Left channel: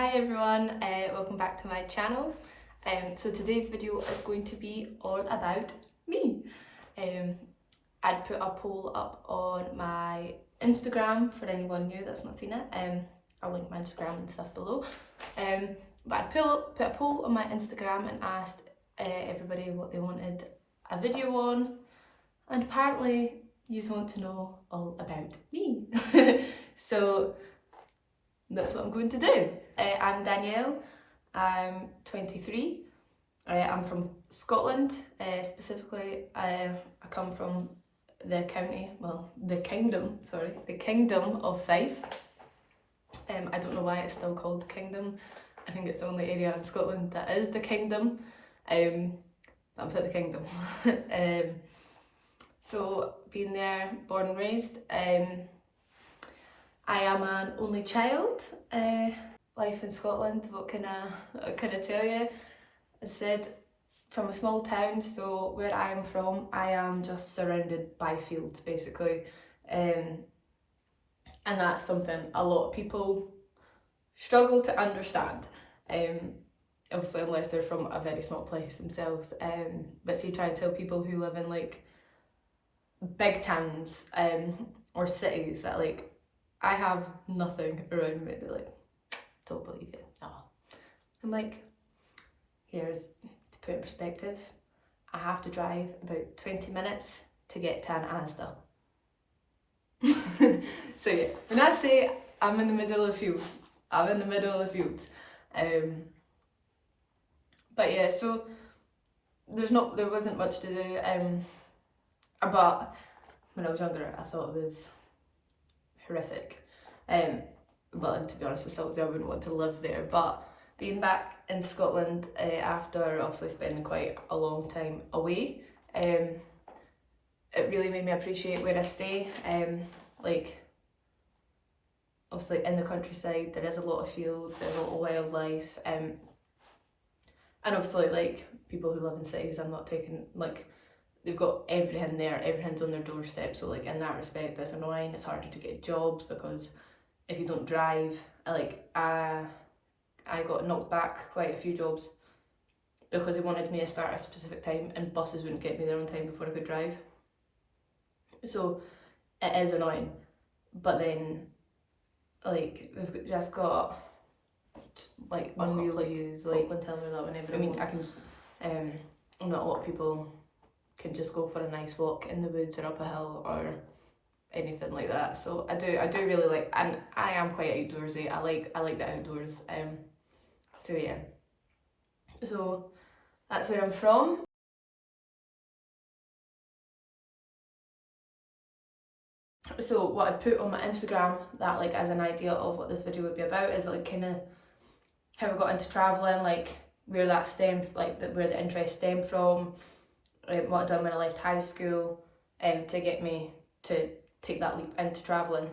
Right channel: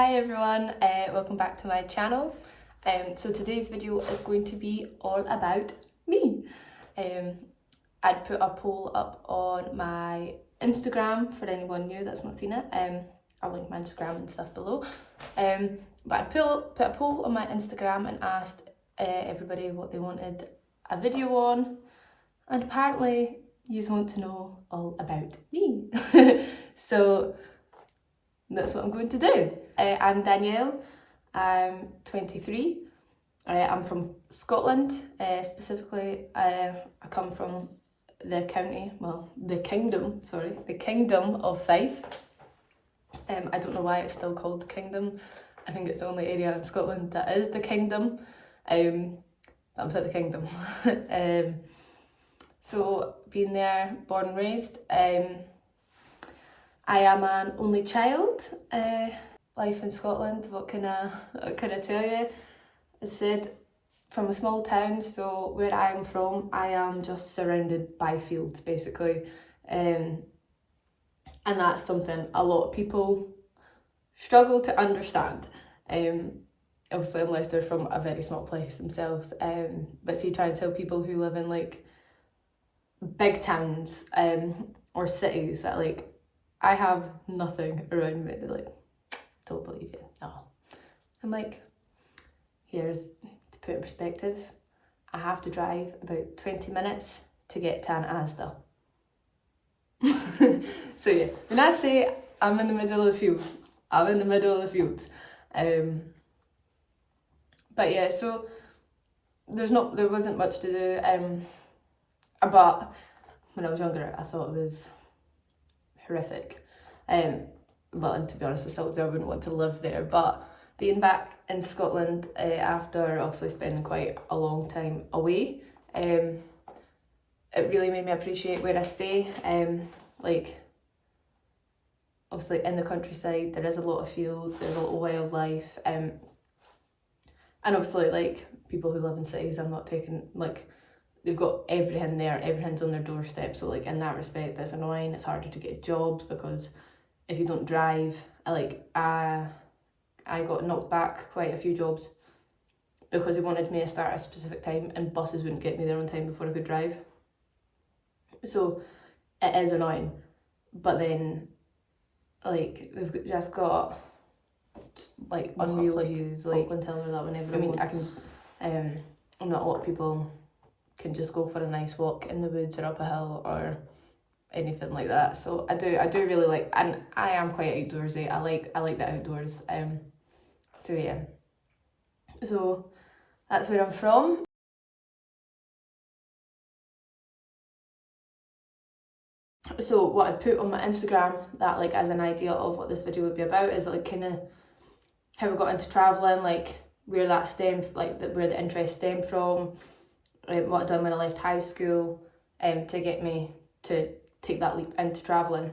Hi everyone, welcome back to my channel. So today's video is going to be all about me. I'd put a poll up on my Instagram for anyone new that's not seen it. I'll link my Instagram and stuff below. But I'd put a poll on my Instagram and asked everybody what they wanted a video on. And apparently you want to know all about me. So that's what I'm going to do. I'm Danielle, I'm 23. I'm from Scotland, specifically I come from the kingdom of Fife. I don't know why it's still called the kingdom. I think it's the only area in Scotland that is the kingdom. But I'm from the kingdom. So being there, born and raised. I am an only child. Life in Scotland, what can I tell you? As I said, from a small town, so where I am from, I am just surrounded by fields basically. And that's something a lot of people struggle to understand. Obviously unless they're from a very small place themselves. But see, try and tell people who live in like big towns or cities that like, I have nothing around me. They're like, don't believe you. No. I'm like, here's to put in perspective. I have to drive about 20 minutes to get to an Asda. So yeah, when I say I'm in the middle of the fields, I'm in the middle of the fields. But yeah, so there wasn't much to do. But when I was younger, I thought it was horrific. Well, and to be honest, I still do. I wouldn't want to live there. But being back in Scotland after obviously spending quite a long time away, it really made me appreciate where I stay. Like, obviously in the countryside, there is a lot of fields, there's a lot of wildlife, and obviously like people who live in cities, I'm not taking like. They've got everything there, everything's on their doorstep, so like in that respect it's annoying. It's harder to get jobs because if you don't drive, I got knocked back quite a few jobs because they wanted me to start at a specific time and buses wouldn't get me there on time before I could drive. So it is annoying, but then like we've just got like unreal views, like Auckland Hill or that whenever I mean I can not a lot of people can just go for a nice walk in the woods or up a hill or anything like that. So I do really like, and I am quite outdoorsy. I like the outdoors. So yeah. So that's where I'm from. So what I put on my Instagram that like as an idea of what this video would be about is like kind of how I got into travelling, like where that stemmed, like where the interest stemmed from. What I'd done when I left high school to get me to take that leap into travelling.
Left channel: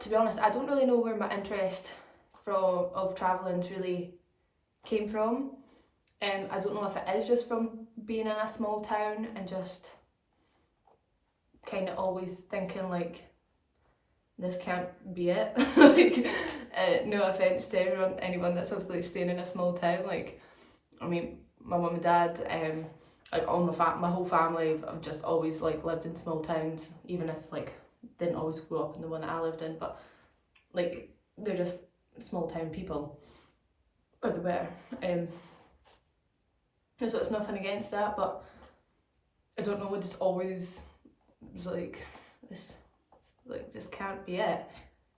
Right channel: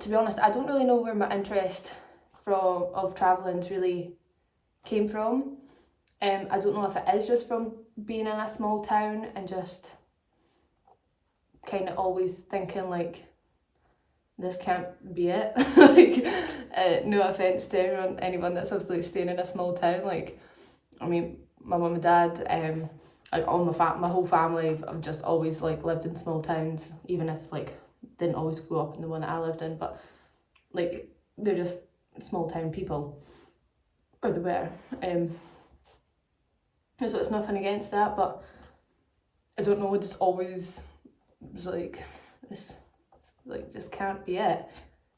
To be honest, I don't really know where my interest of travelling's really came from. I don't know if it is just from being in a small town and just kind of always thinking like, this can't be it. Like, no offence to anyone that's obviously staying in a small town. Like, I mean, my mum and dad, like all my whole family have just always like lived in small towns, even if like didn't always grow up in the one that I lived in, but like they're just small town people, or they were. So it's nothing against that, but I don't know, it just always was like this, like this can't be it.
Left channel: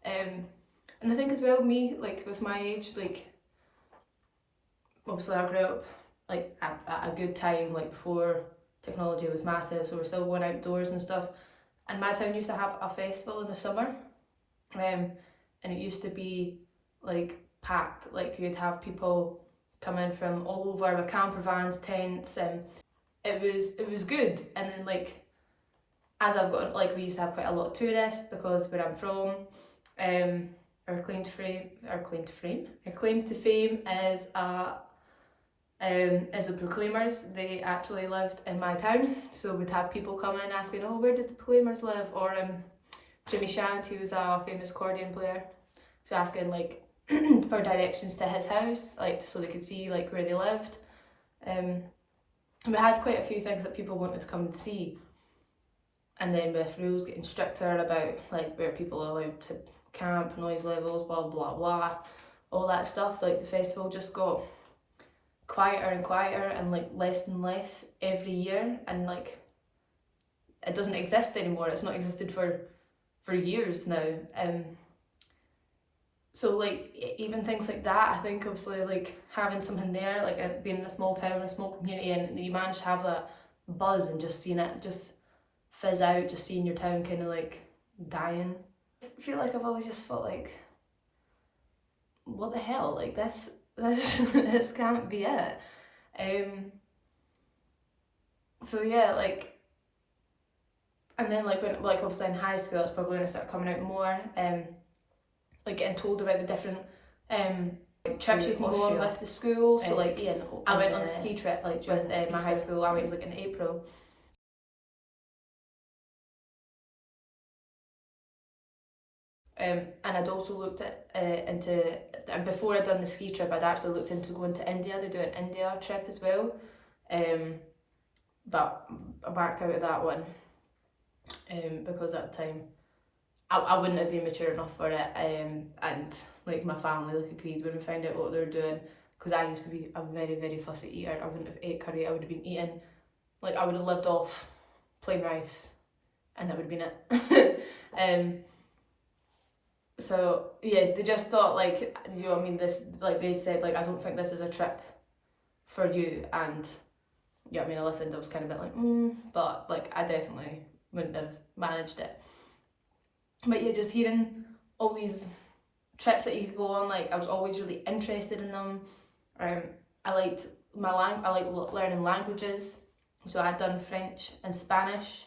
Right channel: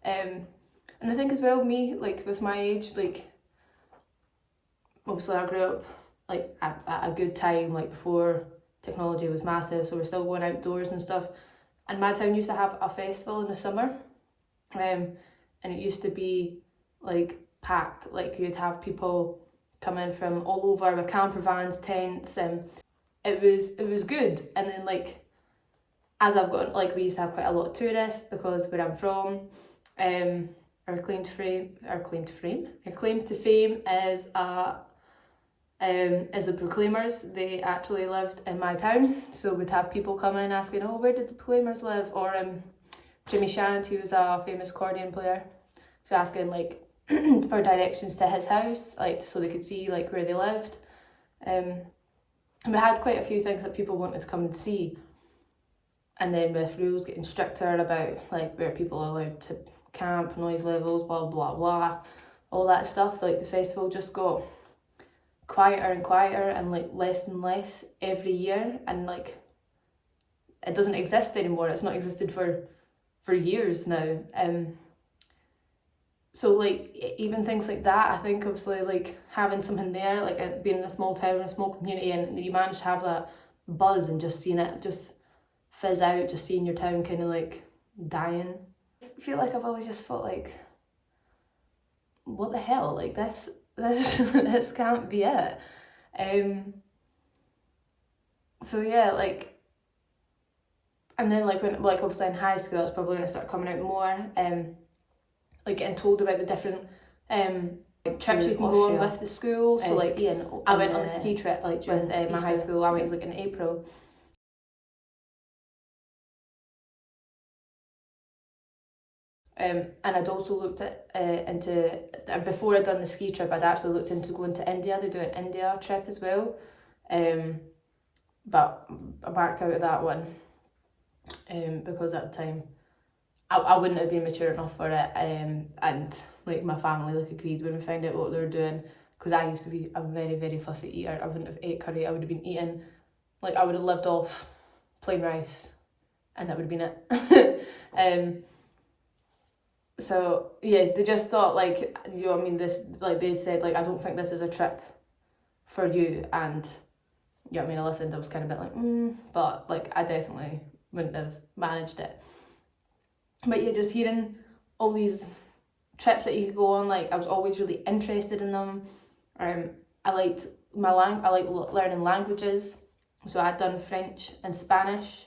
And I think as well, me like with my age, like obviously I grew up like at a good time, like before technology was massive, so we're still going outdoors and stuff. And my town used to have a festival in the summer, and it used to be like packed. Like you'd have people come in from all over with camper vans, tents, and it was good. And then like as I've gotten, like we used to have quite a lot of tourists because where I'm from, our claim to fame is the Proclaimers. They actually lived in my town, so we'd have people come in asking, oh, where did the Proclaimers live? Or Jimmy Shant, he was a famous accordion player, so asking like for directions to his house, like so they could see like where they lived. And we had quite a few things that people wanted to come and see. And then with rules getting stricter about like where people are allowed to camp, noise levels, blah blah blah, all that stuff, like the festival just got quieter and quieter and like less and less every year, and like it doesn't exist anymore. It's not existed for years now. So like even things like that, I think obviously like having something there, like being in a small town, a small community, and you manage to have that buzz and just seeing it just fizz out, just seeing your town kind of like dying. I feel like I've always just thought like, what the hell, like this this can't be it. So yeah, like, and then like when like obviously in high school, that's probably when I started coming out more. Like getting told about the different like trips you can go on with the school. So like I went on a ski trip like with my high school. I went like in April. And I'd also looked at into, and before I'd done the ski trip, I'd actually looked into going to India. They do an India trip as well, but I backed out of that one because at the time I wouldn't have been mature enough for it, and like my family like agreed when we found out what they were doing, because I used to be a very, very fussy eater. I wouldn't have ate curry. I would have been eating, like I would have lived off plain rice, and that would have been it. So yeah, they just thought like, you know what I mean, this, like they said like, I don't think this is a trip for you, and you know what I mean, I listened, I was kind of a bit like but like I definitely wouldn't have managed it. But yeah, just hearing all these trips that you could go on, like I was always really interested in them. I liked I like learning languages, so I'd done French and Spanish,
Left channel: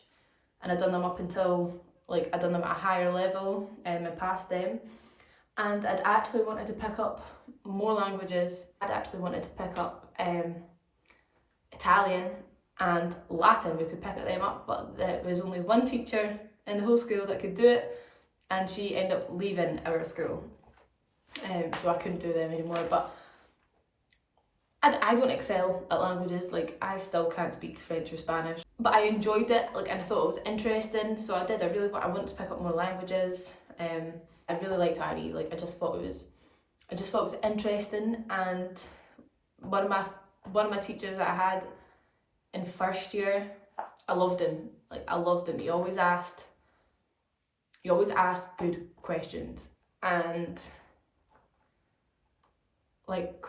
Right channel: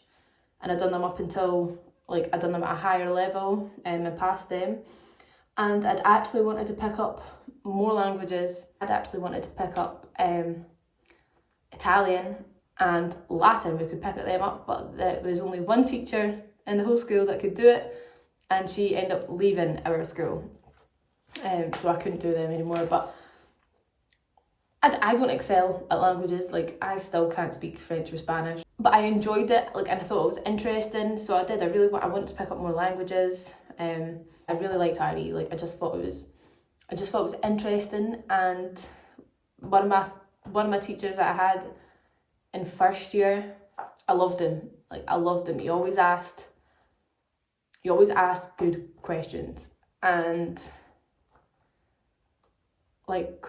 and I'd done them up until like I'd done them at a higher level and passed them. And I'd actually wanted to pick up more languages. I'd actually wanted to pick up Italian and Latin. We could pick them up, but there was only one teacher in the whole school that could do it, and she ended up leaving our school. So I couldn't do them anymore. But I don't excel at languages. Like I still can't speak French or Spanish, but I enjoyed it. Like, and I thought it was interesting, so I did. I wanted to pick up more languages. I really liked RE. Like I just thought it was interesting. And one of my teachers that I had in first year, I loved him. Like I loved him. He always asked good questions, and like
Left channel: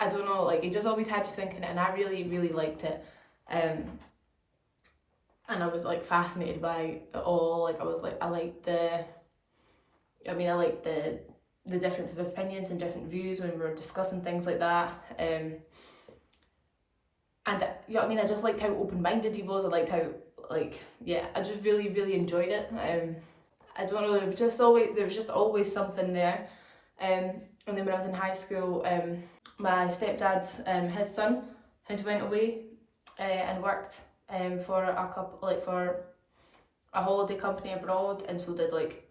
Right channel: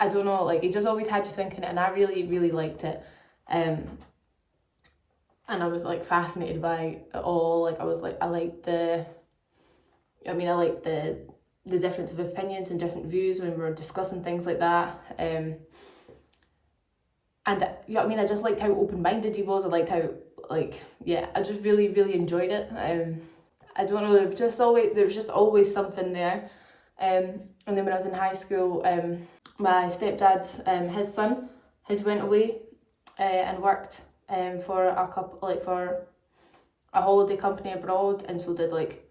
I don't know, like he just always had you thinking, and I really, really liked it. And I was like fascinated by it all. Like I was like, I liked the difference of opinions and different views when we were discussing things like that. And you know what I mean, I just liked how open-minded he was. I liked how, like, yeah, I just really, really enjoyed it. I don't know, there was just always something there. And then when I was in high school, my stepdad's his son had went away and worked for a holiday company abroad, and so did like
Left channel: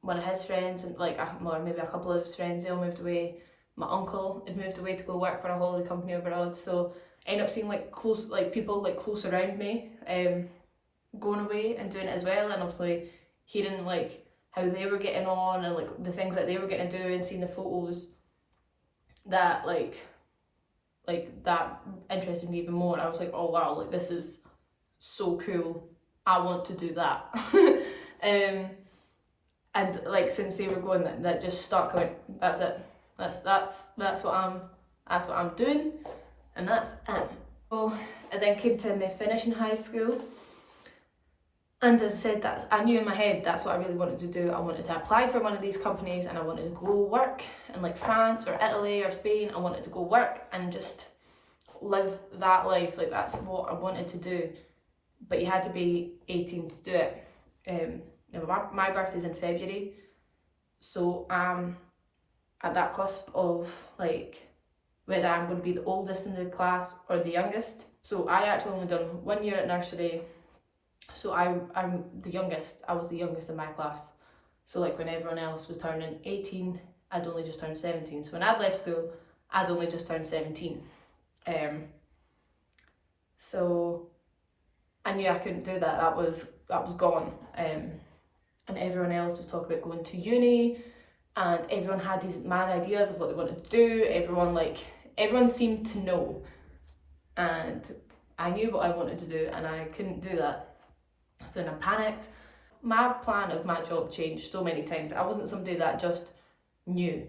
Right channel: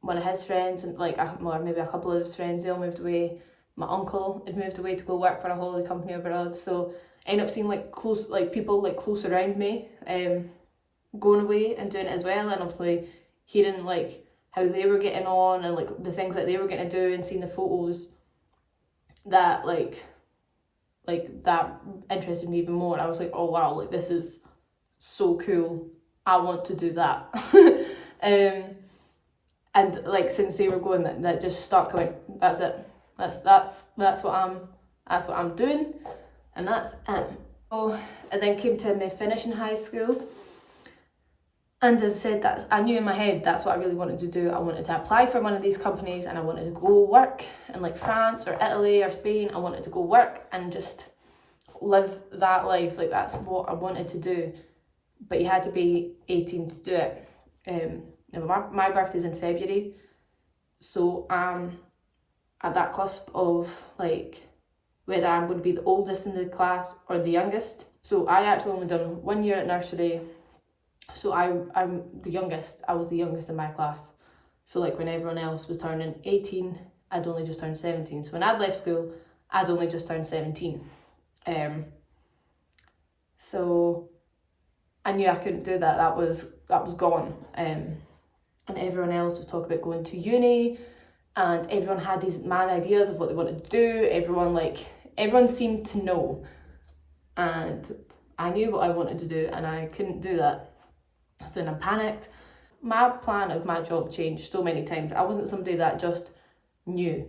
one of his friends, and like maybe a couple of his friends. They all moved away. My uncle had moved away to go work for a holiday company abroad, so I ended up seeing like people like close around me going away and doing it as well, and obviously hearing like how they were getting on and like the things that they were getting to do, and seeing the photos that like that interested me even more. I was like, oh wow, like this is so cool, I want to do that. And like since they were going, that just stuck. I went, that's it, that's what I'm doing, and that's it. So I then came to me finishing high school, and as I said, I knew in my head that's what I really wanted to do. I wanted to apply for one of these companies, and I wanted to go work in like France or Italy or Spain. I wanted to go work and just live that life. Like that's what I wanted to do. But you had to be 18 to do it. My birthday's in February, so I'm at that cusp of like whether I'm going to be the oldest in the class or the youngest. So I actually only done 1 year at nursery, so I'm the youngest. I was the youngest in my class. So like when everyone else was turning 18, I'd only just turned 17. So when I'd left school, I'd only just turned 17. So I knew I couldn't do that. That was gone. And everyone else was talking about going to uni, and everyone had these mad ideas of what they wanted to do. Everyone seemed to know, and I knew what I wanted to do, and I couldn't do that. So then I panicked. My plan of my job changed so many times. I wasn't somebody that just knew.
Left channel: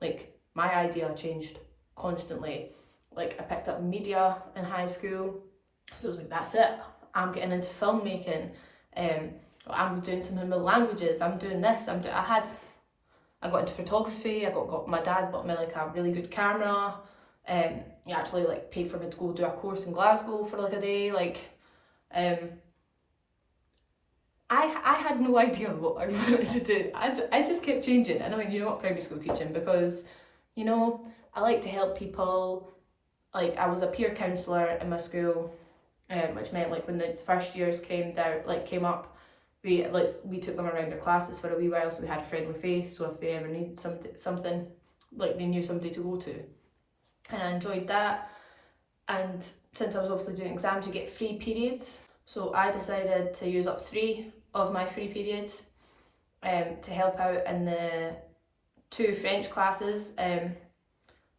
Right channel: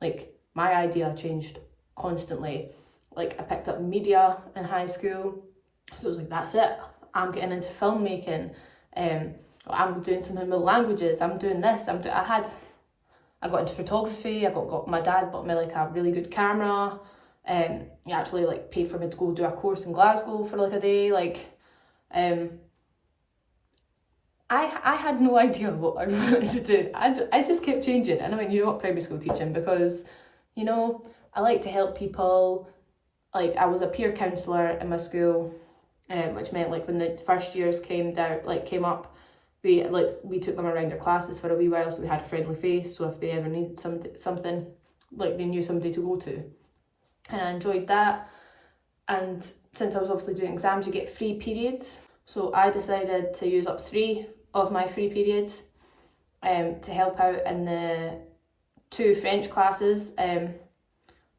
Like, my idea changed constantly. Like, I picked up media in high school, so it was like, that's it. I'm getting into filmmaking. I'm doing something with languages. I'm doing this. I got into photography. My dad bought me like a really good camera. He actually like paid for me to go do a course in Glasgow for like a day. I had no idea what I wanted to do. I just kept changing, and I went, you know what, primary school teaching, because, you know, I like to help people. Like, I was a peer counsellor in my school, which meant like when the first years came up, we took them around their classes for a wee while, so we had a friendly face. So if they ever needed something, like, they knew somebody to go to, and I enjoyed that. And since I was obviously doing exams, you get free periods. So I decided to use up 3 of my free periods to help out in the 2 French classes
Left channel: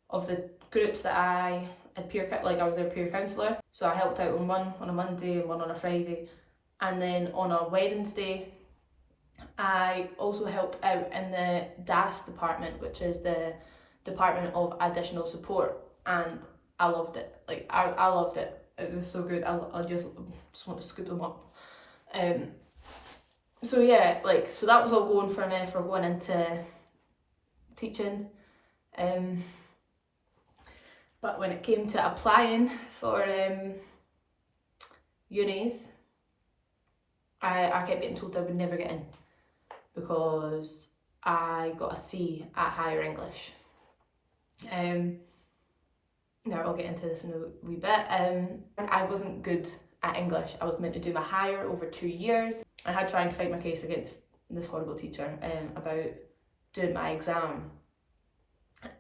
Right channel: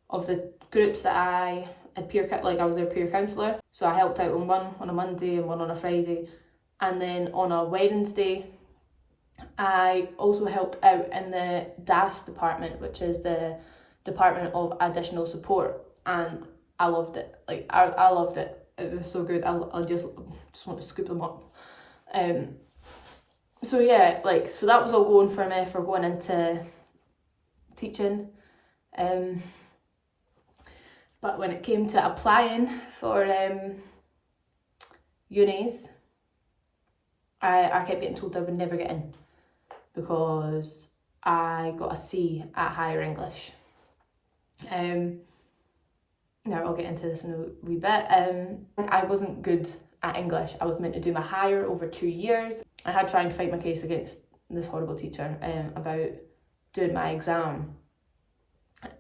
of the groups that I had I was their peer counsellor. So I helped out on one on a Monday and one on a Friday. And then on a Wednesday, I also helped out in the DAS department, which is the Department of Additional Support. And I loved it. Like, I loved it. It was so good. I just want to scoop them up. So yeah, so that was all going for me for going into teaching. But when it came to applying for unis, I kept getting told I would never get in because I got a C at higher English. Now I'll get into this in a wee bit. I wasn't good at English. I was meant to do my higher over 2 years. I had tried to fight my case against this horrible teacher about doing my exam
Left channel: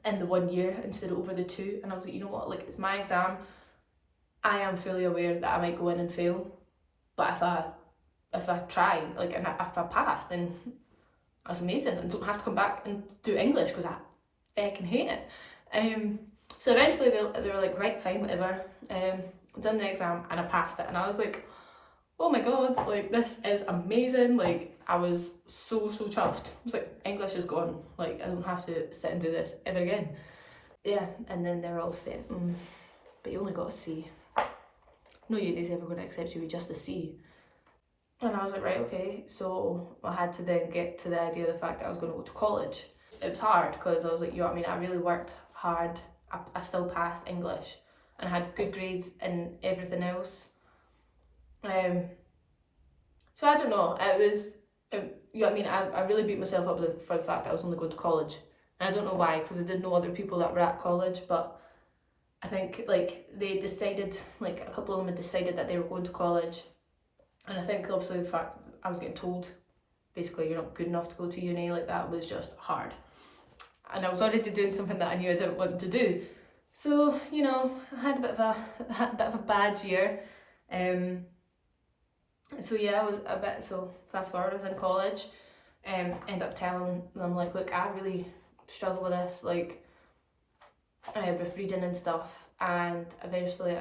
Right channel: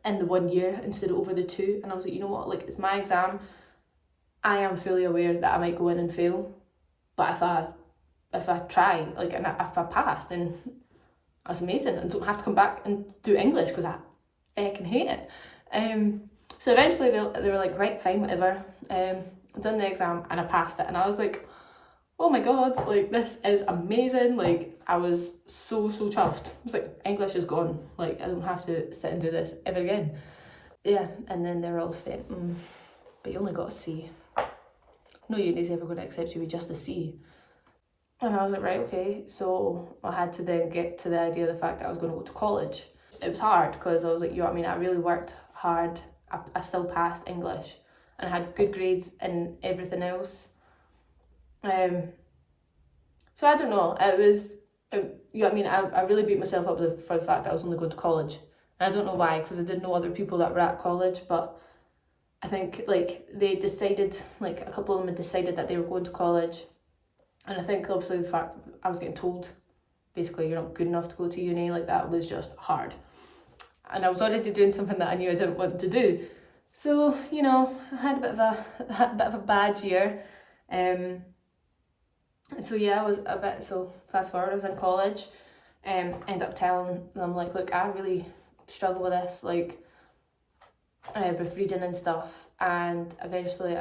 in the 1 year instead of over the 2. And I was like, you know what, like, it's my exam. I am fully aware that I might go in and fail. But if I try, like, and if I pass, then that's amazing, and don't have to come back and do English because I fucking hate it. So eventually they were like, right, fine, whatever. I done the exam and I passed it, and I was like, oh my god, like, this is amazing. Like, I was so chuffed. I was like, English is gone. Like, I don't have to sit and do this ever again. Yeah, and then they were all saying, but you only got a C. No uni's ever going to accept you with just a C. And I was like, right, okay. So I had to then get to the idea of the fact that I was going to go to college. It was hard because I was like, you know what I mean, I really worked hard. I still passed English and I had good grades in everything else. So I don't know, it was, you know what I mean, I really beat myself up for the fact that I was only going to college. And I don't know why, because I didn't know other people that were at college, but I think, like, they decided, like, a couple of them had decided that they were going to college. And I think obviously the fact I was getting told, basically, you're not good enough to go to uni, like, that was just hard. And I was already doing something that I knew I didn't want to do. So, you know, I had a bit of a bad year. So yeah, fast forward, I was in college, end up telling them, like, look, I really struggle with this, like, with reading and stuff. And eventually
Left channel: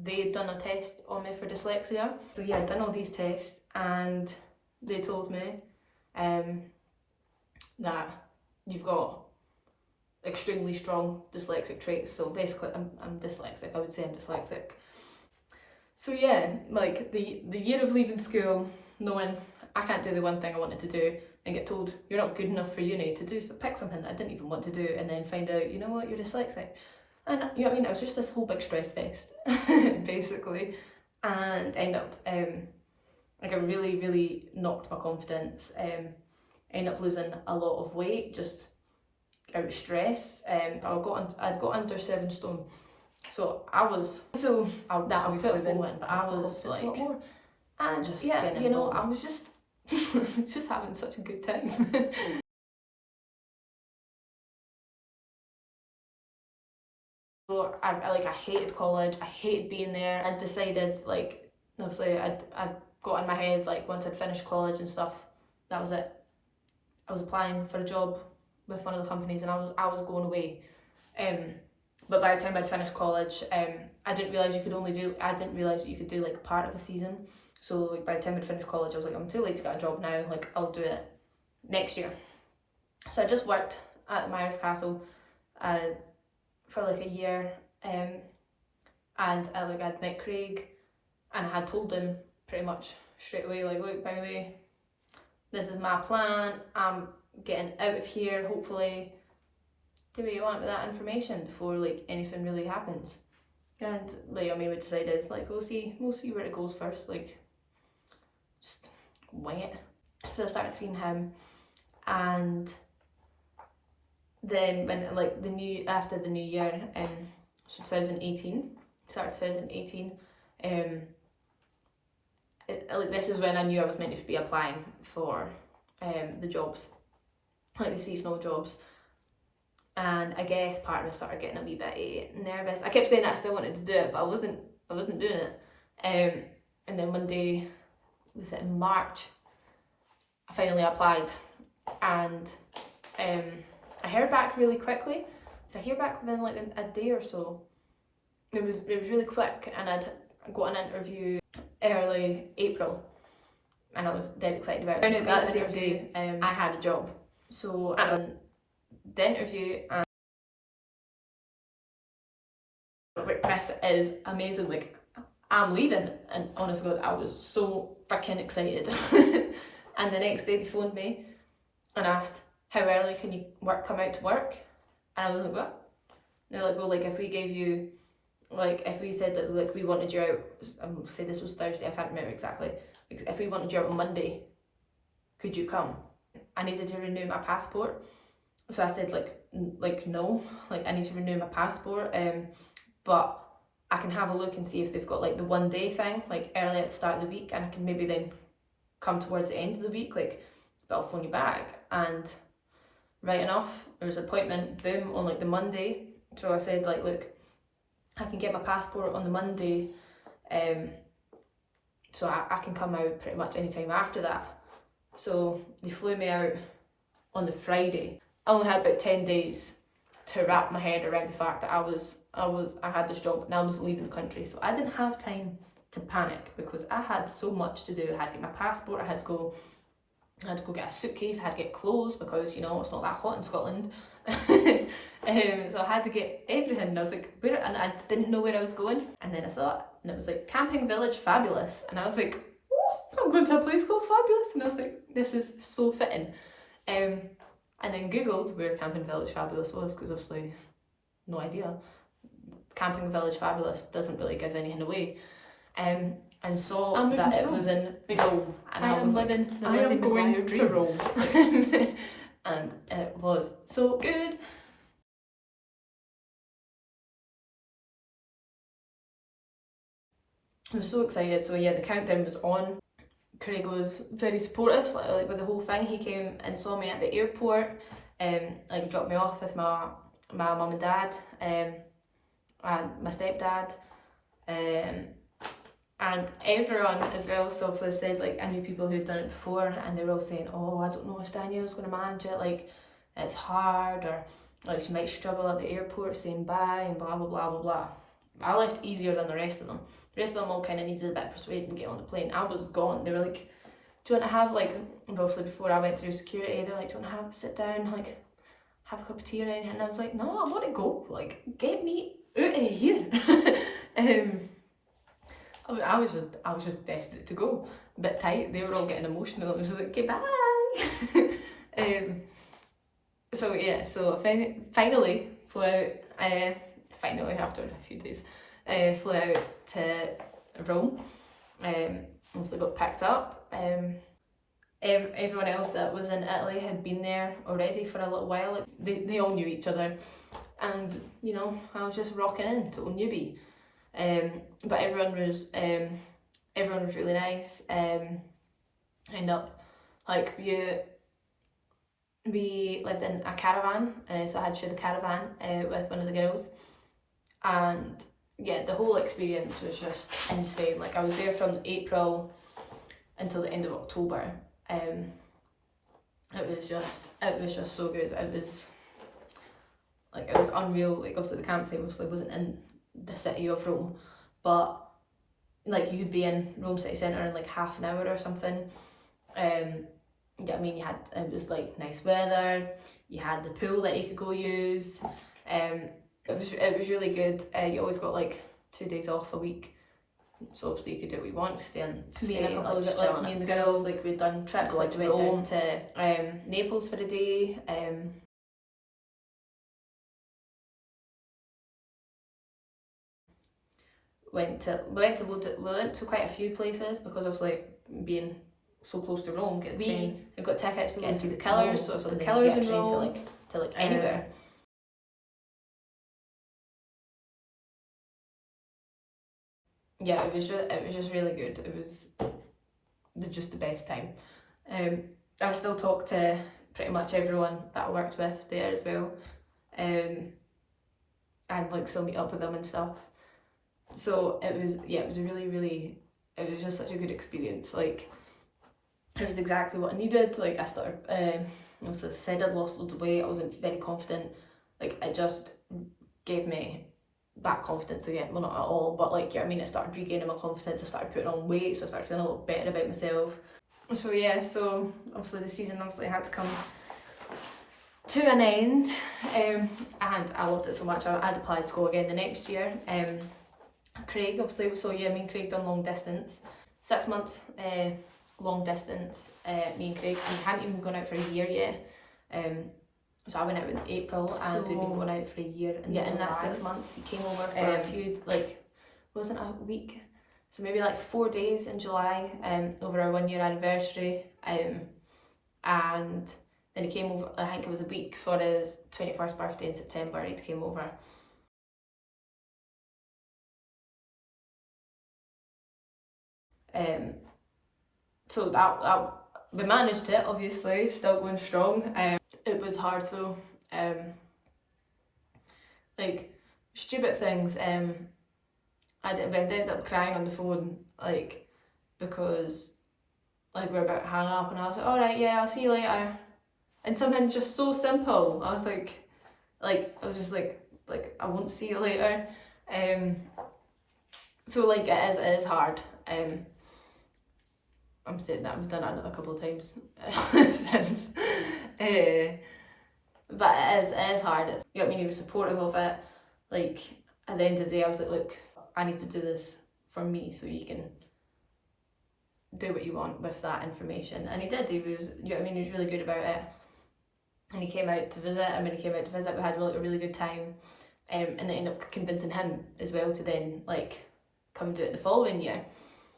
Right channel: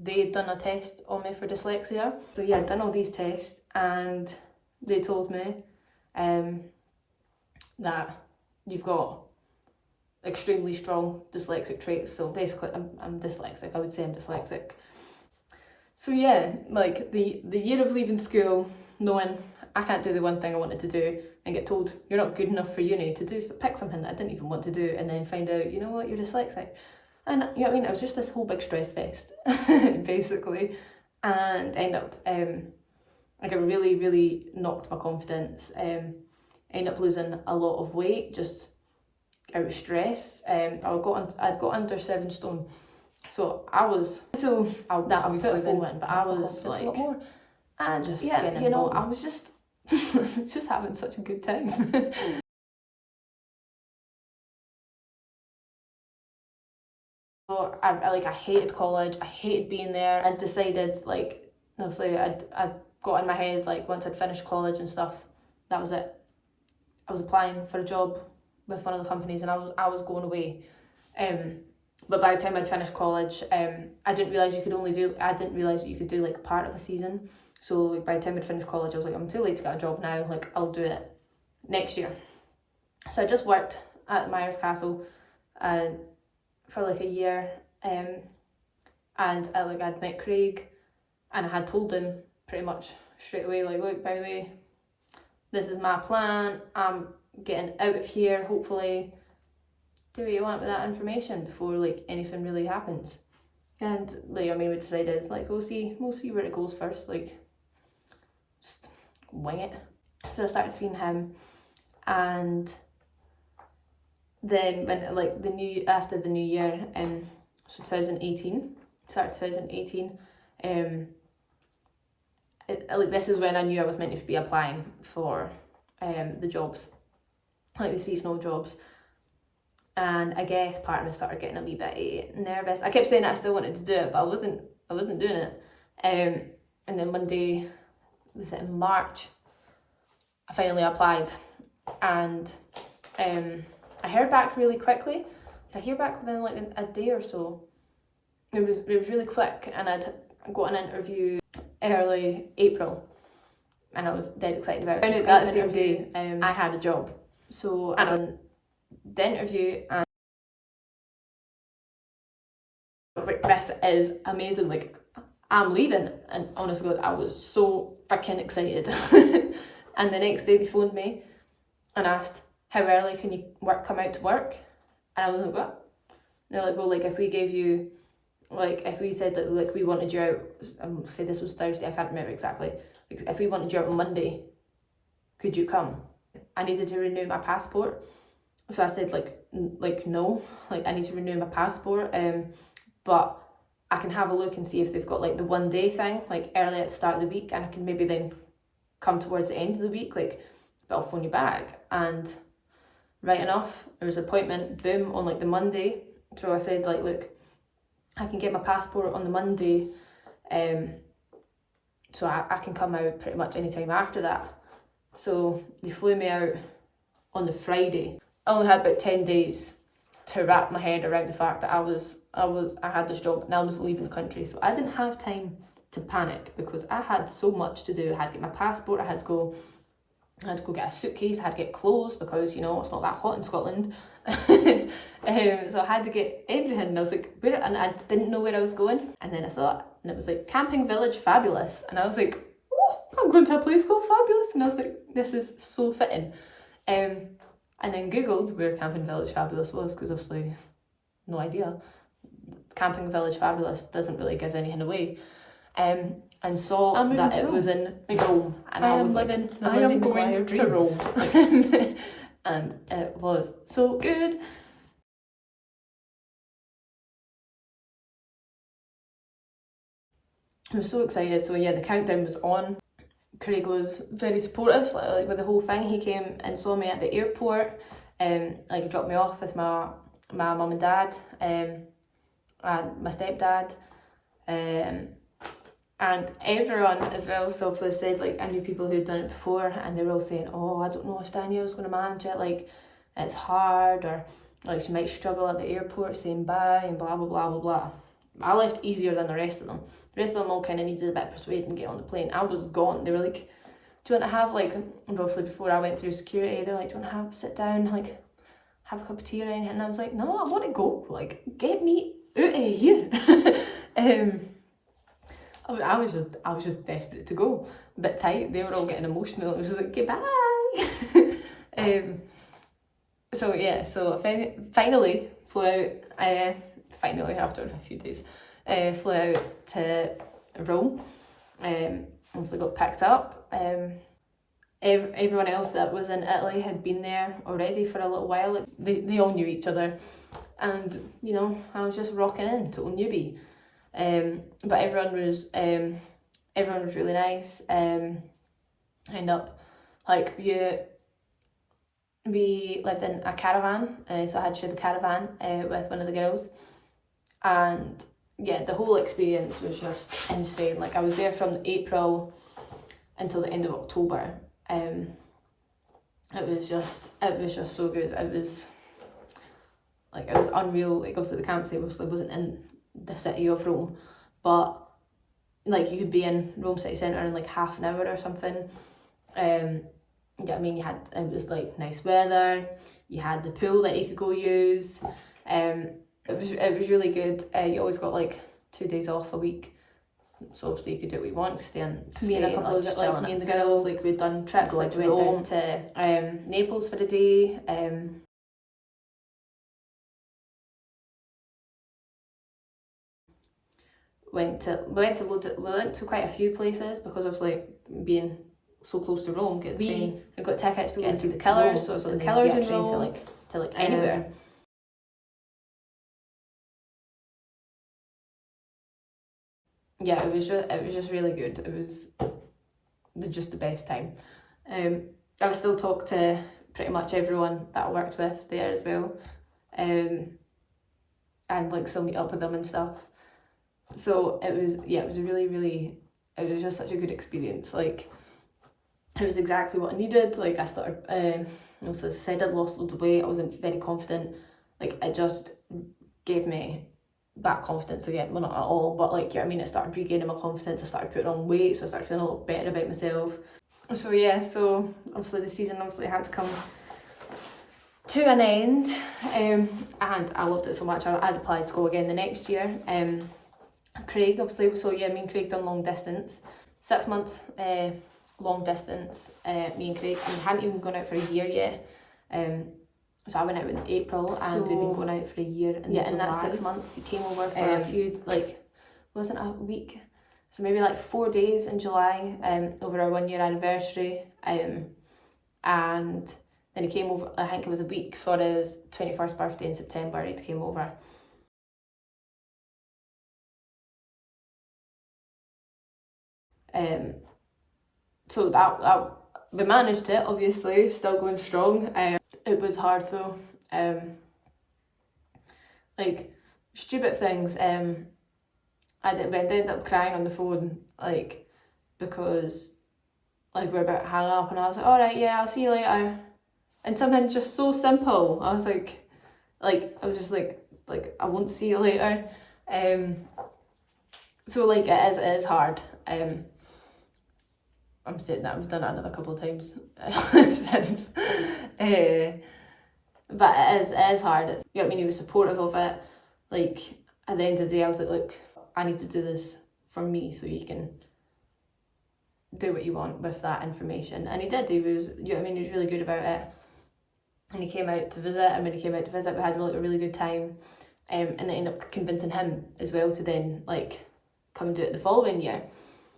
they'd done a test on me for dyslexia. So yeah, I'd done all these tests, and they told me that you've got extremely strong dyslexic traits. So basically I'm dyslexic. I would say I'm dyslexic. So yeah, like, the year of leaving school, knowing I can't do the one thing I wanted to do, and get told you're not good enough for uni to do, so pick something that I didn't even want to do, and then find out, you know what, you're dyslexic. And you know what I mean, it was just this whole big stress fest, basically. And end up, like, it really knocked my confidence. End up losing a lot of weight just out of stress. I'd got under 7 stone. So I was, that obviously then went, but I was like, a lot more. And just, yeah, you know, I was just just having such a good time. So I hated college. I hated being there. I decided, like, obviously I got in my head, like, once I'd finished college and stuff, that was it. I was applying for a job with one of the companies, and I was going away. But by the time I'd finished college, I didn't realise you could do like part of a season. So like by the time I'd finished college, I was like, I'm too late to get a job now, like I'll do it next year. So I just worked at Myers Castle for like a year, and I'd met Craig, and I had told him pretty much straight away, like, look, by the way, this is my plan, I'm getting out of here, hopefully do what you want with that information before like anything really happens. And like, I mean, we decided, like, we'll see where it goes first, like, just wing it. So I started seeing him, and then when like after the new year, so 2018, start 2018, like this is when I knew I was meant to be applying for the jobs, like the seasonal jobs. And I guess part of me started getting a wee bit nervous. I kept saying I still wanted to do it, but I wasn't doing it. And then one day, was it in March, I finally applied, and I heard back really quickly. Did I hear back within like a day or so? It was really quick, and I'd got an interview early April, and I was dead excited about it. That same day, I had a job. So I done the interview, and I was like, this is amazing, like, I'm leaving. And honest to God, I was so freaking excited. And the next day they phoned me and asked, how early can you come out to work? And I was like, what? And they're like, well, like, if we gave you, like, if we said that, like, we wanted you out, say this was Thursday, I can't remember exactly, like, if we wanted you out on Monday, could you come? I needed to renew my passport. So I said, like no, like, I need to renew my passport, but I can have a look and see if they've got like the 1 day thing, like early at the start of the week, and I can maybe then come towards the end of the week, like, but I'll phone you back. And right enough, there was an appointment, boom, on like the Monday. So I said, like, look, I can get my passport on the Monday, so I can come out pretty much any time after that. So they flew me out on the Friday. I only had about 10 days to wrap my head around the fact that I had this job and I was leaving the country. So I didn't have time to panic because I had so much to do. I had to get my passport, I had to go get a suitcase, I had to get clothes because, you know, it's not that hot in Scotland. So I had to get everything, and I was like, where? And I didn't know where I was going. And then I saw it, and it was like Camping Village Fabulous, and I was like, oh, I'm going to a place called Fabulous, and I was like, this is so fitting. And then googled where Camping Village Fabulous was, because obviously no idea. Camping Village Fabulous doesn't really give anything away. And saw that it was in Rome, and I was living like, the Lizzie McGuire dream. To Rome. And it was so good. I was so excited. So yeah, the countdown was on. Craig was very supportive, like with the whole thing. He came and saw me at the airport, like dropped me off with my mum and dad, and my stepdad, and everyone as well. So obviously said, like, I knew people who'd done it before, and they were all saying, oh, I don't know if Danielle's going to manage it, like, it's hard, or like she might struggle at the airport saying bye and blah blah blah blah blah. I left easier than the rest of them. The rest of them all kind of needed a bit of persuading to get on the plane. I was gone. They were like, do you want to have, like, obviously before I went through security, they're like, do you want to have sit down, like, have a cup of tea or anything? And I was like, no, I want to go, like, get me out of here. I was just desperate to go. A bit tight. They were all getting emotional. It was like, goodbye. So yeah, so I finally flew out. Finally, after a few days, flew out to Rome. Obviously got picked up. Everyone else that was in Italy had been there already for a little while. Like, they all knew each other, and you know, I was just rocking in, total newbie. But everyone was really nice. End up Like we lived in a caravan, so I had to share the caravan with one of the girls, and yeah, the whole experience was just insane. Like I was there from April until the end of October. It was just so good. It was unreal. Like obviously the campsite obviously wasn't in the city of Rome, but like you could be in Rome city centre in like half an hour or something. Yeah, I mean it was like nice weather. You had the pool that you could go use. It was really good. You always got like 2 days off a week, so obviously you could do what you want. Stay me and a couple of like me and the girls, like we'd done trips. Like we went down to Naples for a day. We went to quite a few places because of like being so close to Rome. We got tickets to go and see the Killers, so the Killers in Rome to like anywhere. Yeah, it was just really good. It was just the best time. I still talk to pretty much everyone that I worked with there as well, and like still meet up with them and stuff. So it was it was just such a good experience. Like it was exactly what I needed. Like I started, as I said, I'd lost loads of weight. I wasn't very confident. Like it just gave me back confidence again. Well, not at all, but like, yeah, I mean, I started regaining my confidence. I started putting on weight, so I started feeling a lot better about myself. So yeah, so obviously the season had to come to an end, and I loved it so much. I'd applied to go again the next year. Craig, obviously, so yeah, me and Craig done long distance, 6 months long distance, me and Craig, and we hadn't even gone out for a year yet. So I went out in April, and we've been going out for a year. And yeah, in that 6 months, he came over for a few, like, wasn't a week, so maybe like 4 days in July, over our 1 year anniversary, and then he came over. I think it was a week for his 21st birthday in September. He came over. So that we managed it, obviously, still going strong. It was hard though. Like stupid things. I ended up crying on the phone, like, because like we're about to hang up, and I was like, all right, yeah, I'll see you later. And something just so simple. I was like I was just like I won't see you later. So like it is hard. I'm saying that I've done it another couple of times since. But it is hard. It's, you know what I mean? He was supportive of it. Like at the end of the day, I was like, look, I need to do this for me, so you can do what you want with that information. And he did. He was, you know what I mean? He was really good about it. And he came out to visit, and when he came out to visit, we had like a really good time. And I ended up convincing him as well to then like come do it the following year.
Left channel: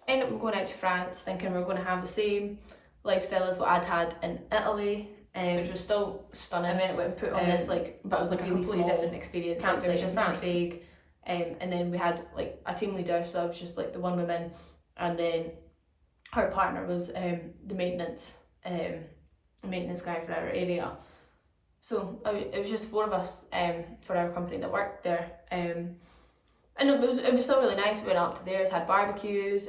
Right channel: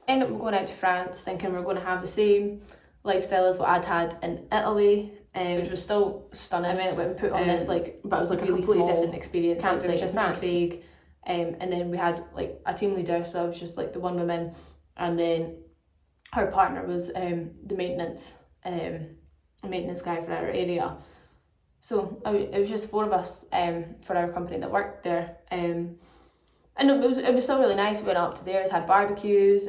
Ended up going out to France thinking we were going to have the same lifestyle as what I'd had in Italy, which was still stunning. I mean, it went and put on this like, but it was like a really completely different experience. Campsite like, in France. Craig, and then we had like a team leader, so I was just like the one woman, and then her partner was the maintenance guy for our area. So it was just 4 of us for our company that worked there. And it was still really nice. We went up to theirs, had barbecues.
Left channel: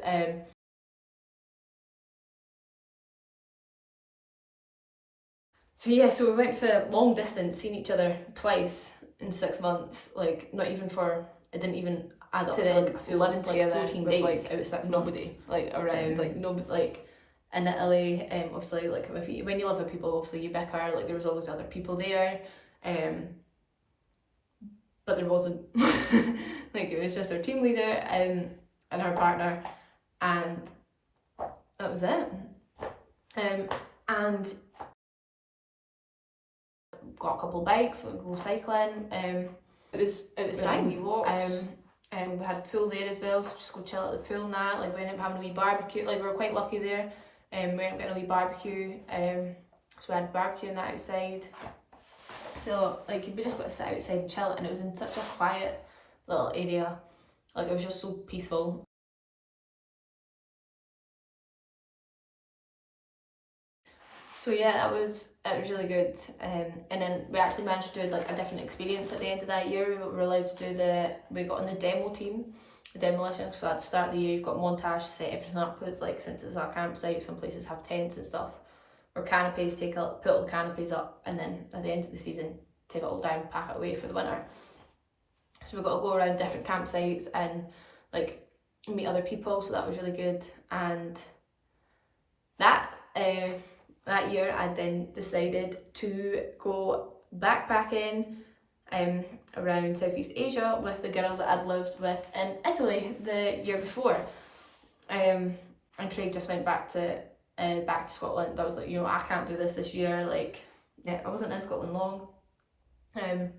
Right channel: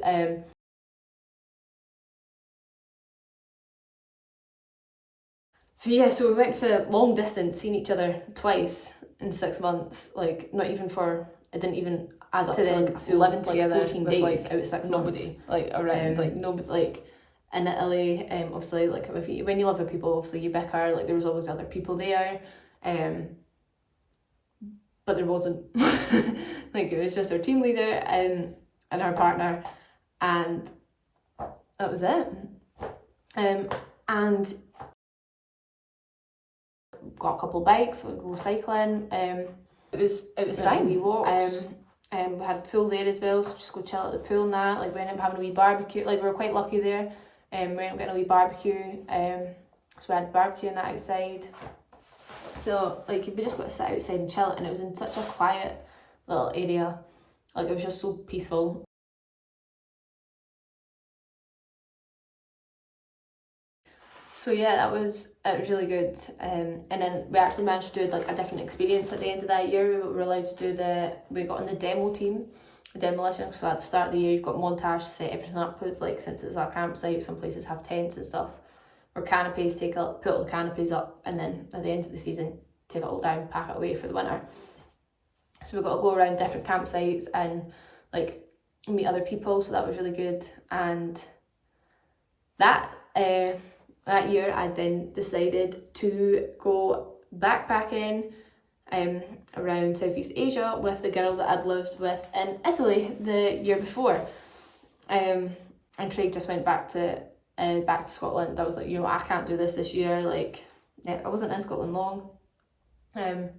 So yeah, so we went for long distance, seeing each other twice in 6 months. Like not even for, it didn't even add up to like a full living together 14 days. Like it was like nobody like around, like nobody, like in Italy. Obviously, like when you live with people, obviously you bicker. Like there was always other people there. But there wasn't. Like it was just our team leader and her partner, and that was it. And got a couple of bikes, we go cycling. It was fine. We walked. We had the pool there as well, so just go chill at the pool and that. Like we ended up having a wee barbecue. Like we were quite lucky there. We ended up getting a wee barbecue. So we had barbecue and that outside. So like we just got to sit outside and chill, and it was in such a quiet little area. Like it was just so peaceful. So yeah, it was really good. And then we actually managed to do like a different experience at the end of that year. We were allowed to do we got on the demo team, the demolition. So at the start of the year, you've got montage to set everything up, because like since it's a campsite, some places have tents and stuff, or canopies. Put all the canopies up, and then at the end of the season, take it all down, pack it away for the winter. So we got to go around different campsites and like meet other people. So that was really good. And that that year, I then decided to go backpacking around Southeast Asia with the girl that I'd lived with in Italy the year before. And Craig just went back to Scotland. I was like, I can't do this year. Like, yeah, I wasn't in Scotland long. And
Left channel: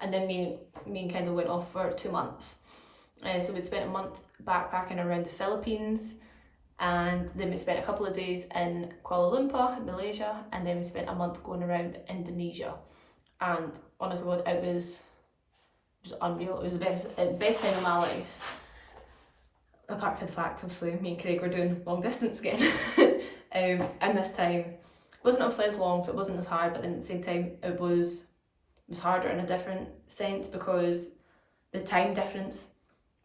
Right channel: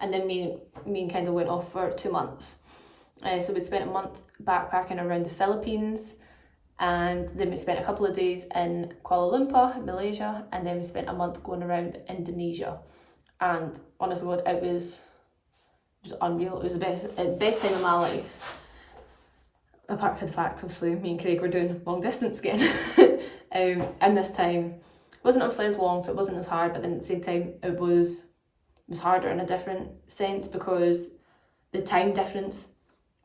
then me and Kendall went off for 2 months. So we'd spent a month backpacking around the Philippines, and then we spent a couple of days in Kuala Lumpur, Malaysia, and then we spent a month going around Indonesia. And honestly, God, it was unreal. It was the best time of my life. Apart from the fact, obviously, me and Craig were doing long distance again. And this time, it wasn't obviously as long, so it wasn't as hard, but then at the same time, it was harder in a different sense, because the time difference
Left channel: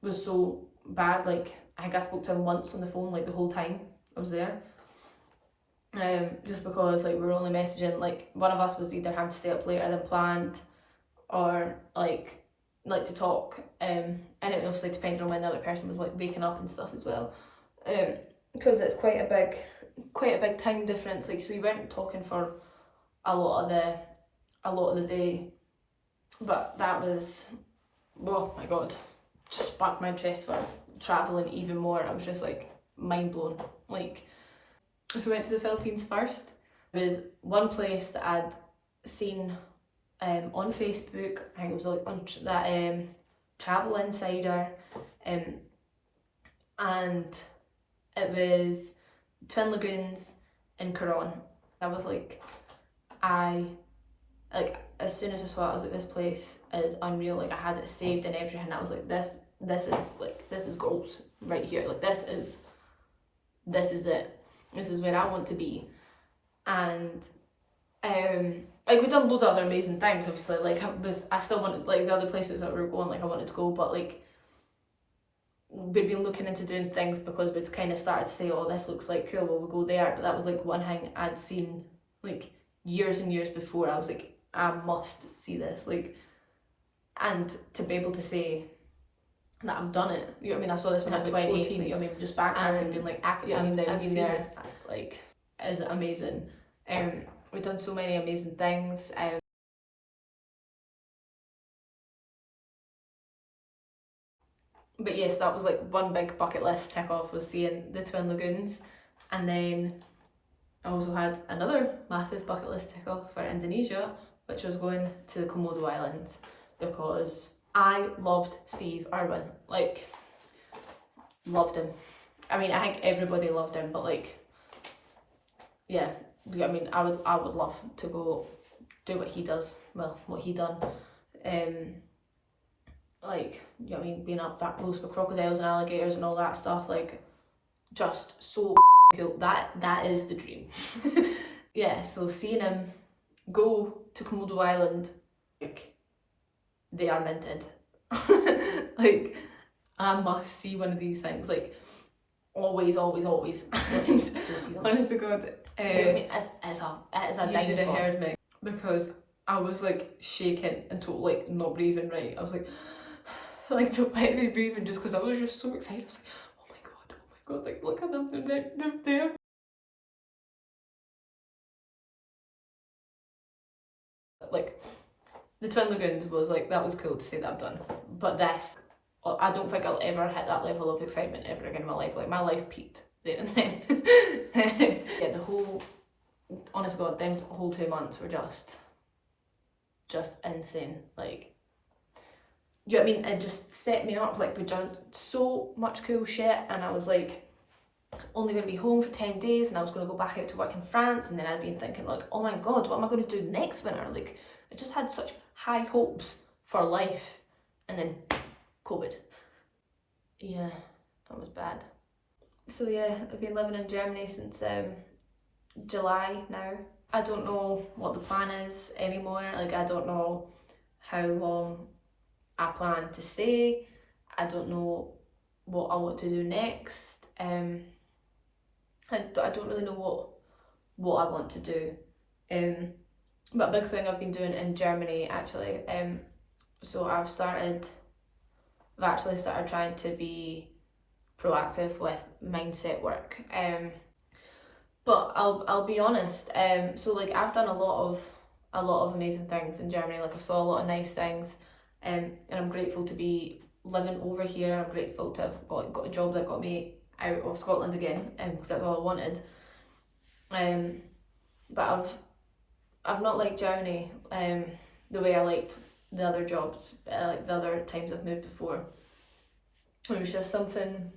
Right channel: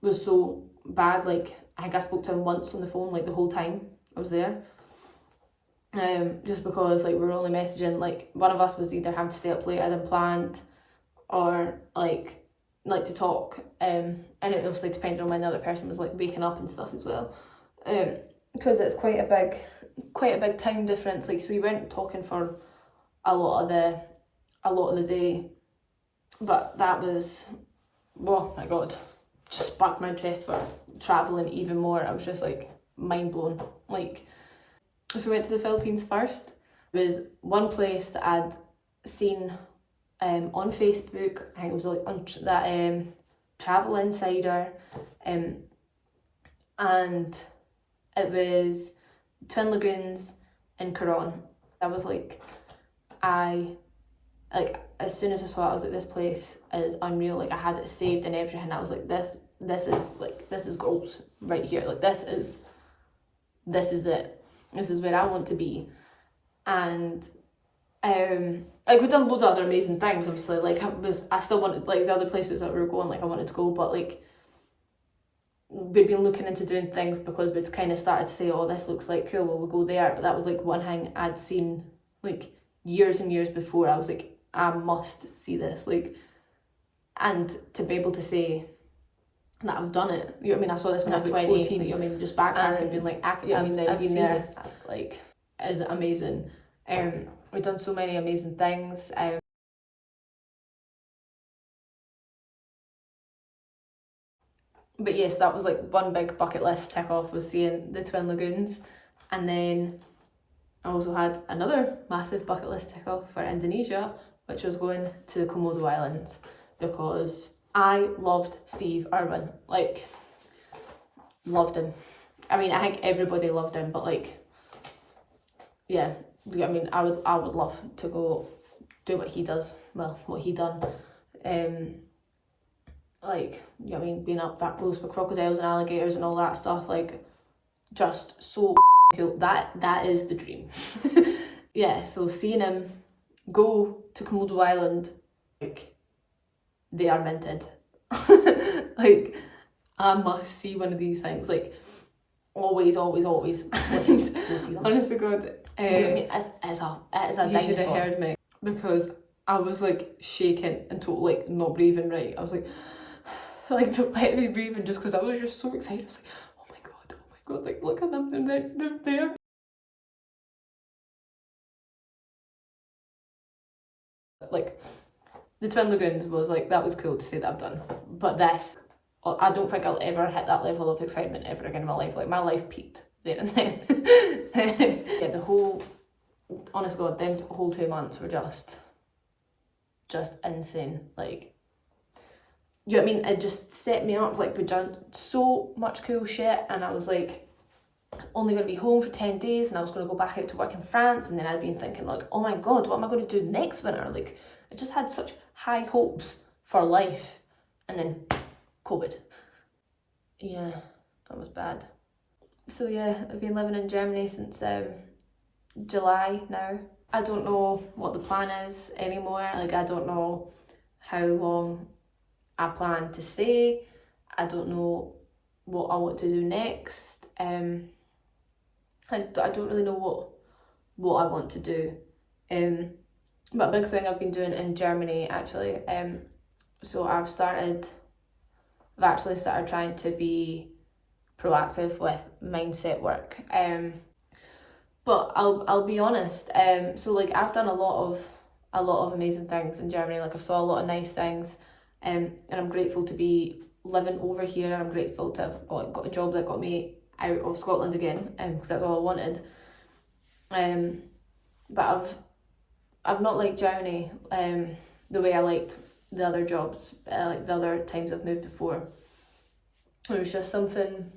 was so bad. Like, I think I spoke to him once on the phone, like the whole time I was there. Just because like we were only messaging, like one of us was either having to stay up later than planned, or like to talk. And it obviously depended on when the other person was like waking up and stuff as well. Because it's quite a big time difference. Like, so you weren't talking for a lot of the day, but that was, oh my God, just sparked my interest for traveling even more. I was just like mind blown. Like, so we went to the Philippines first. It was one place that I'd seen on Facebook. I think it was like on that Travel Insider, and it was Twin Lagoons in Coron. I was like, as soon as I saw it, I was like, this place is unreal. Like, I had it saved and everything. I was like, this is goals right here. Like, this is it. This is where I want to be. And like, we've done loads of other amazing things, obviously. Like, I still wanted, like, the other places that we were going, like, I wanted to go, but like, we'd been looking into doing things because we'd kind of started to say, oh, this looks like cool, we'll go there. But that was like one thing I'd seen like years and years before. I was like, I must see this. Like, and to be able to say that I've done it, you know what I mean? I saw this when I was like 14, you know what I mean? Just back and being like, I've been there, like, is amazing. We've done so many amazing things. But yes, that was like one big bucket list tick off, was seeing the Twin Lagoons. And then I also had another massive bucket list tick off for Indonesia, which was going to the Komodo Islands, because I loved Steve Irwin. Like, loved him. I mean, I think everybody loved him, but like, yeah, I mean, I would love to go do what he does. Well, what he done. Like, you know what I mean, being up that close with crocodiles and alligators and all that stuff, like, just so cool. That is the dream. Yeah, so seeing him go to Komodo Island, like, they are minted. Like, I must see one of these things. Like, always. And honest to God, it is a dinosaur. You should have heard me, because I was like shaking and totally like not breathing right. I was like so heavy breathing, just because I was just so excited. I was like, oh my God, like, look at them, they're there. Like, the Twin Lagoons was like, that was cool to say that I've done. But this, I don't think I'll ever hit that level of excitement ever again in my life. Like, my life peaked there and then. Yeah, the whole, honest God, them whole 2 months were just insane. Like, you know what I mean? It just set me up. Like, we done so much cool shit, and I was like, only going to be home for 10 days, and I was going to go back out to work in France, and then I'd been thinking like, oh my God, what am I going to do next winter? Like, I just had such high hopes for life, and then COVID. Yeah, that was bad. So yeah, I've been living in Germany since July now. I don't know what the plan is anymore. Like, I don't know how long I plan to stay. I don't know what I want to do next. I don't really know what I want to do. But a big thing I've been doing in Germany actually. So I've actually started trying to be proactive with mindset work. But I'll be honest. So like I've done a lot of amazing things in Germany. Like I've saw a lot of nice things. And I'm grateful to be living over here. I'm grateful to have got a job that got me out of Scotland again. Because that's all I wanted. But I've not liked Germany. The way I liked the other jobs. Like the other times I've moved before. There was just something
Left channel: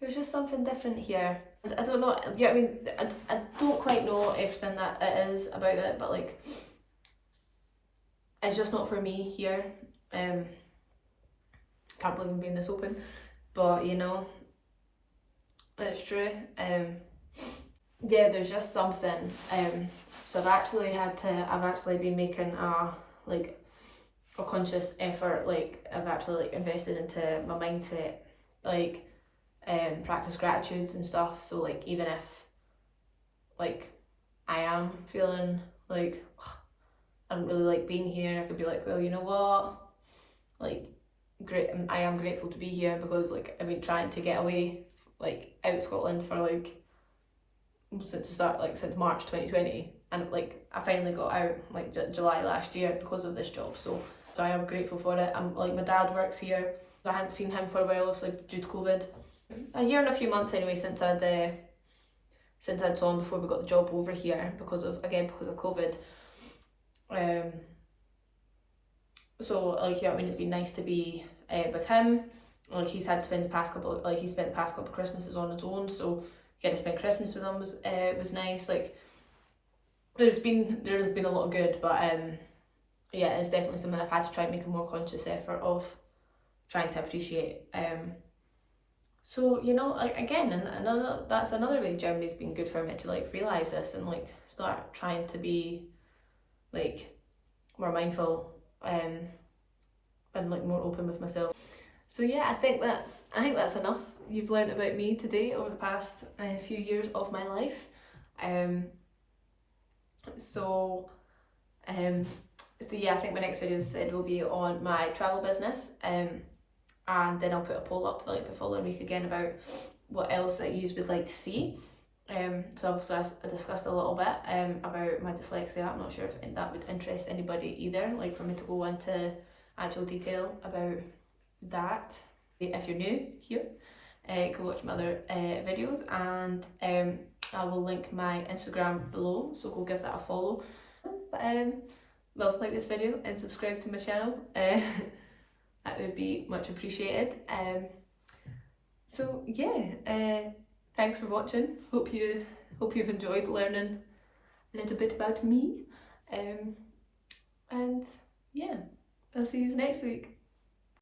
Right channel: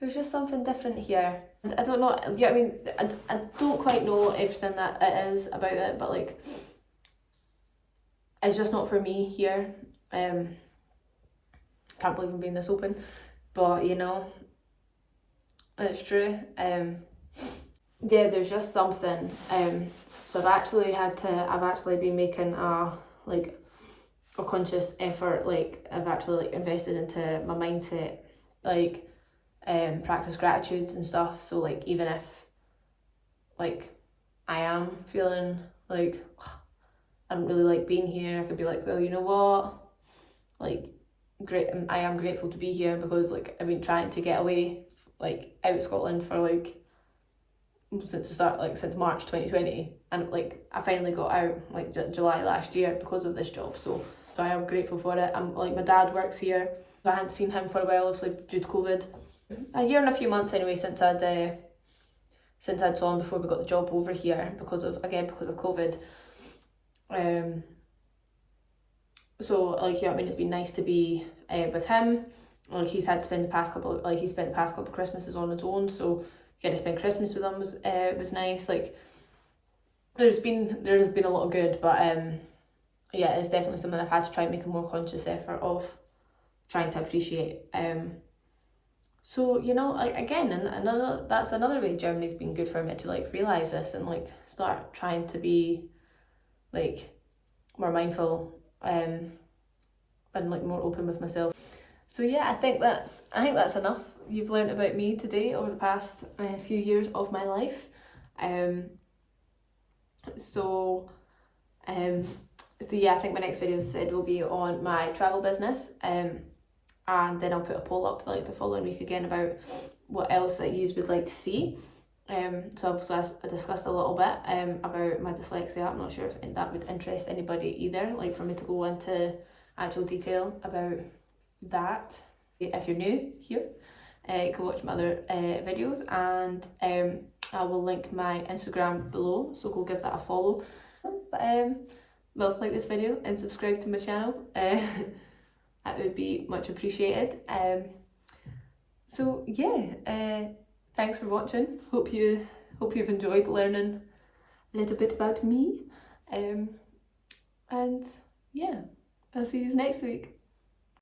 different here. I don't know, yeah, I mean, I don't quite know everything that it is about it, but like, it's just not for me here. Can't believe I'm being this open, but you know, it's true. Yeah, there's just something. So I've actually been making a conscious effort. Like I've actually like invested into my mindset, like practice gratitudes and stuff. So like even if like I am feeling like I don't really like being here, I could be like, well, you know what, like great, I am grateful to be here because like I've been trying to get away like out of Scotland for like since March 2020, and like I finally got out like July last year because of this job. So I am grateful for it. I'm like, my dad works here. I hadn't seen him for a while, obviously due to COVID. A year and a few months anyway since I'd saw him before we got the job over here because of COVID. So like, yeah, I mean, it's been nice to be with him. Like he spent the past couple of Christmases on his own, so getting to spend Christmas with him was nice. Like there has been a lot of good, but yeah, it's definitely something I've had to try and make a more conscious effort of trying to appreciate. So you know, like again, and that's another way Germany's been good for me to like realise this and like start trying to be like more mindful and like more open with myself. So yeah, I think that's enough. You've learnt about me today over the past few years of my life. So yeah, I think my next video will be on my travel business. And then I'll put a poll up like the following week again about what else that you would like to see. So obviously I discussed a little bit about my dyslexia. I'm not sure if that would interest anybody either, like for me to go into actual detail about that. If you're new here, go watch my other videos, and I will link my Instagram below, so go give that a follow. But well, like this video and subscribe to my channel. That would be much appreciated. So yeah, thanks for watching. Hope you've enjoyed learning a little bit about me. And yeah, I'll see you next week.